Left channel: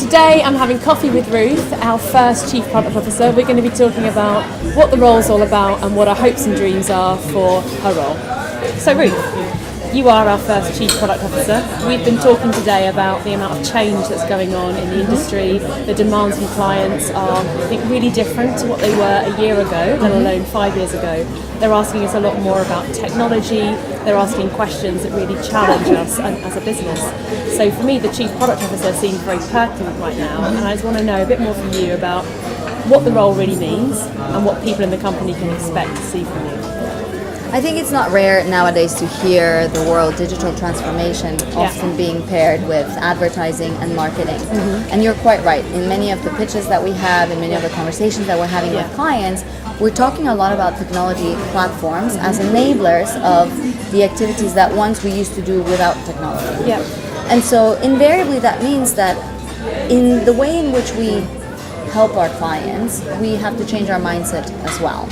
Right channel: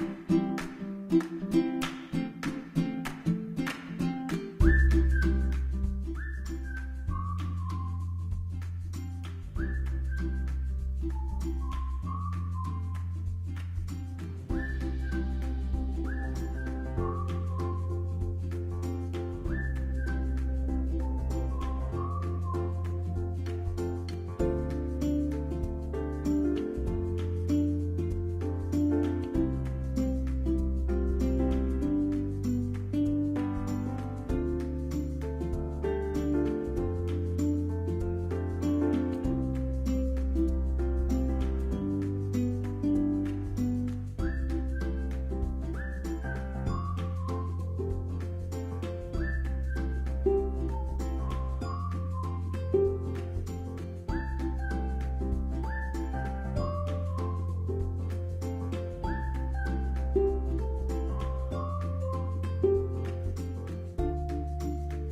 today I'm having coffee with Ruth, our first Chief Product Officer. We're going to be talking about what the role's all about and what our hopes and dreams are for her role. So Ruth, you are our first Chief Product Officer. We've been talking today about the amount of change that's going on in the industry. The demands from clients are, I think, really different to what they were a year ago, let alone 5 years ago. They're asking us a lot more about technology. They're asking questions that really challenge us as a business. So for me, the Chief Product Officer seems very pertinent right now, and I just want to know a bit more from you about what the role really means and what people in the company can expect to see from you. I think it's not rare nowadays to hear the word digital transformation often being paired with advertising and marketing. And you're quite right. In many of the pitches that we have, in many of the conversations that we're having with clients, we're talking a lot about technology platforms as enablers of the activities that once we used to do without technology. And so invariably that means that in the way in which we help our clients, we have to change our mindset as well.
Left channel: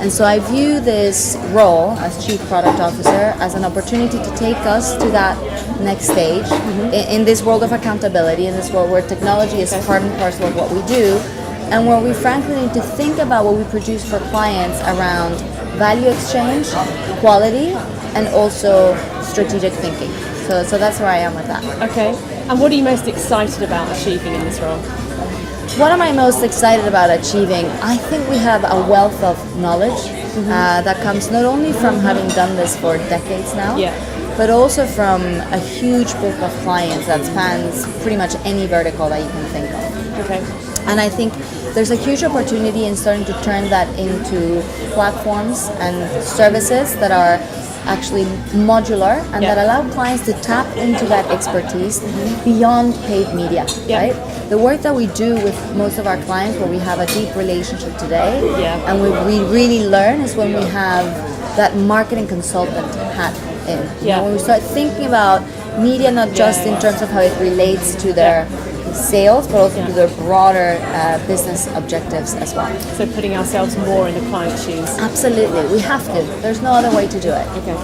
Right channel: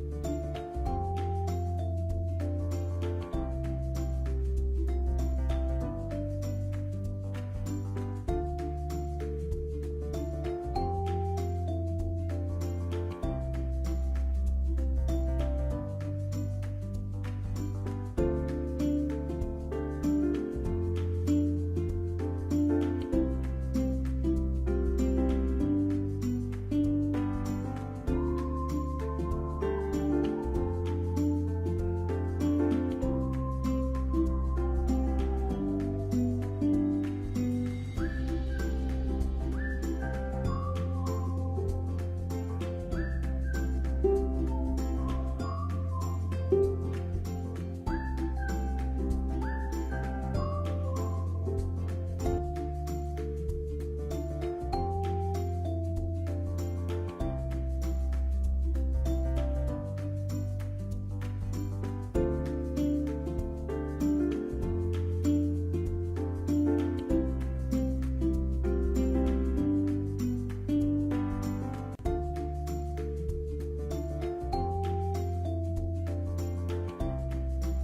And so I view this role as Chief Product Officer as an opportunity to take us to that next stage in this world of accountability, in this world where technology is part and parcel of what we do, and where we frankly need to think about what we produce for clients around value exchange, quality, and also strategic thinking. So that's where I am with that. Okay. And what are you most excited about achieving in this role? What am I most excited about achieving? I think we have a wealth of knowledge that comes not only from having done this for decades now, but also from a huge book of clients that spans pretty much any vertical that you can think of. Okay. And I think there's a huge opportunity in starting to turn that into platforms and services that are actually modular and that allow clients to tap into that expertise beyond paid media, right? The work that we do with most of our clients where we have a deep relationship today and we really learn is when we have that marketing consultant hat in. When we start thinking about media not just in terms of how it relates to their sales, but also to their broader business objectives as well. So putting ourselves more in the client's shoes. Absolutely, we have to. There's no other way to do it. Okay.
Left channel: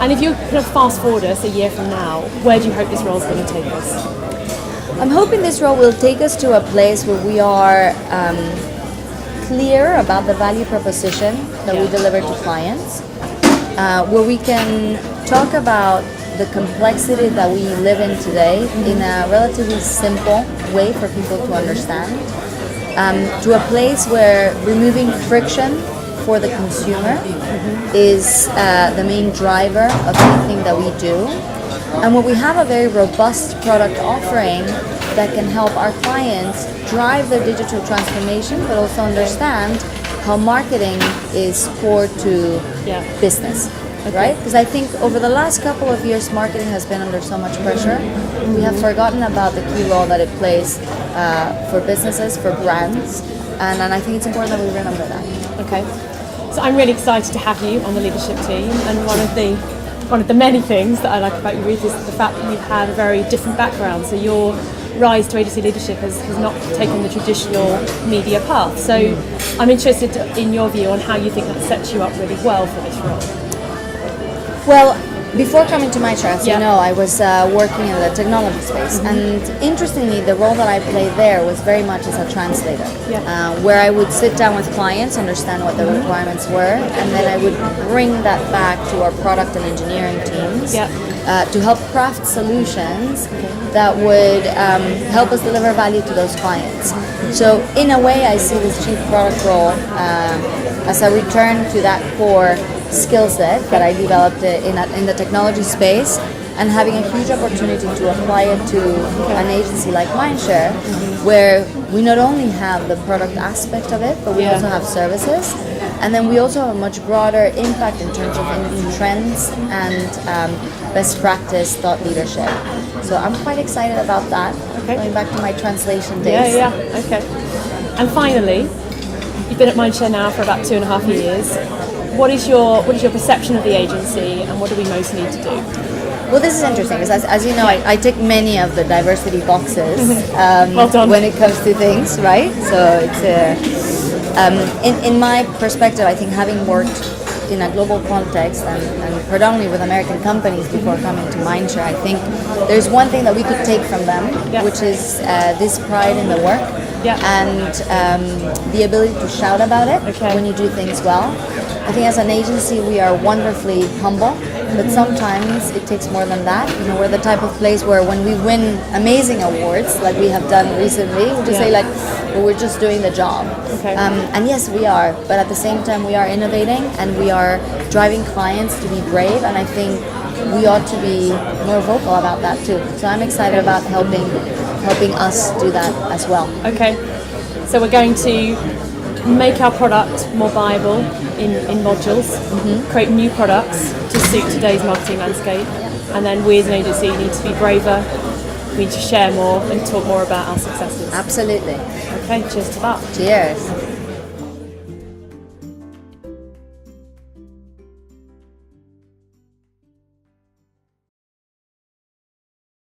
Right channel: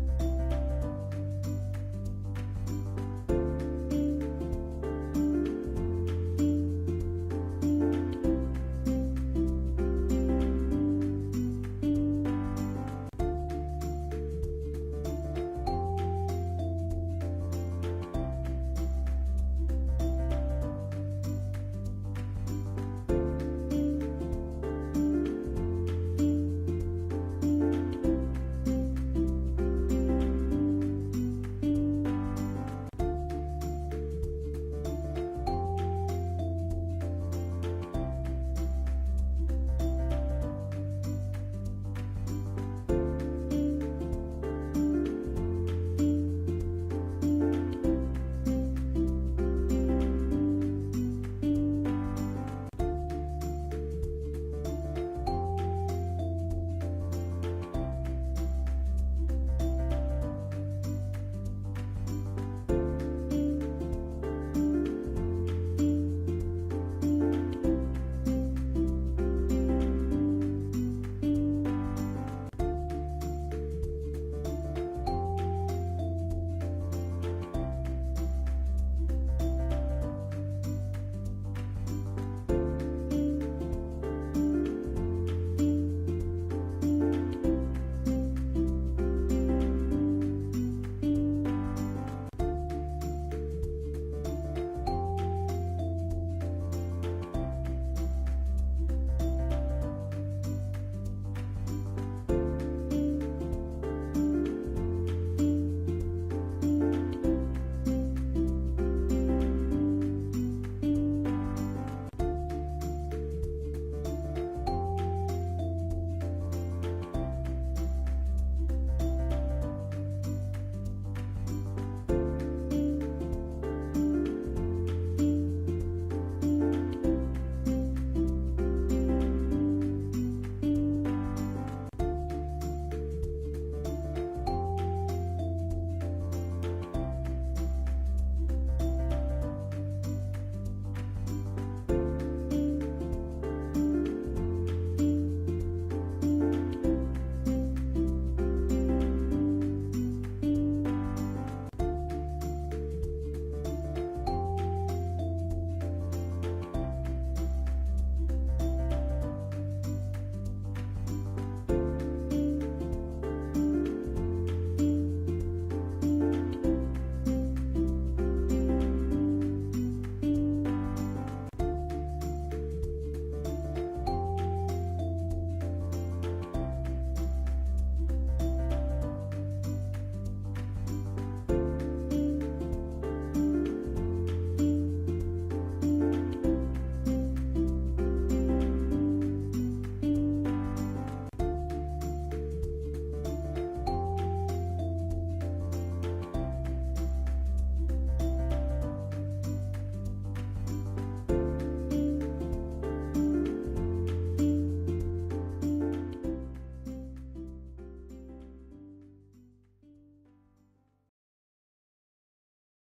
And if you kind of fast forward us a year from now, where do you hope this role is going to take us? I'm hoping this role will take us to a place where we are clear about the value proposition that we deliver to clients, where we can talk about the complexity that we live in today in a relatively simple way for people to understand, to a place where removing friction for the consumer is the main driver of anything that we do, and where we have a very robust product offering that can help our clients drive their digital transformation, but also understand how marketing is core to business. Right? Because I think over the last couple of years, marketing has been under so much pressure. We have forgotten about the key role that it plays for businesses, for brands, and I think it's important that we remember that. Okay. So I'm really excited to have you on the leadership team, and one of the many things that I like about you, Ruth, is the fact that you've had a very different background. So your rise to agency leadership has not taken the traditional media path. So I'm interested in your view on how you think that sets you up really well for this role. Well, before coming to my chair, as you know, I was working in the technology space, and interestingly, the role that I played there was very much as a translator, where I would sit down with clients, understand what the requirements were, and then I would bring that back to our product and engineering teams to help craft solutions that would help us deliver value to those clients. So in a way, I see this chief product role as a return to that core skill set that I developed in the technology space, and having a huge opportunity to apply it to an agency like Mindshare, where we not only have the product aspect of it, but we also have services, and then we also have a much broader impact in terms of industry trends and best practice thought leadership. So I'm quite excited about that. Going back to my translation days. Okay. And finally, you've been at Mindshare now for about 2.5 years. What is your perception of the agency, and what do we most need to do? Well, this is interesting because, as you know, I tick many of the diversity boxes Well done. when it comes to things, right? So it's in my perspective, I think having worked in a global context and predominantly with American companies before coming to Mindshare, I think there's one thing that we could take from them, which is this pride in the work and the ability to shout about it when you do things well. I think as an agency we are wonderfully humble, but sometimes it takes more than that. You know, we're the type of place where when we win amazing awards, like we have done recently, we just say like, well, we're just doing the job. And yes, we are, but at the same time we are innovating and we are driving clients to be brave, and I think we ought to be more vocal about that too. So I'm excited about helping us do that as well. Okay, so we're going to make our product more viable in modules, create new products to suit today's marketing landscape, and then we as an agency need to be braver, we need to share more and talk more about our successes. Absolutely. Okay, cheers to that. Cheers.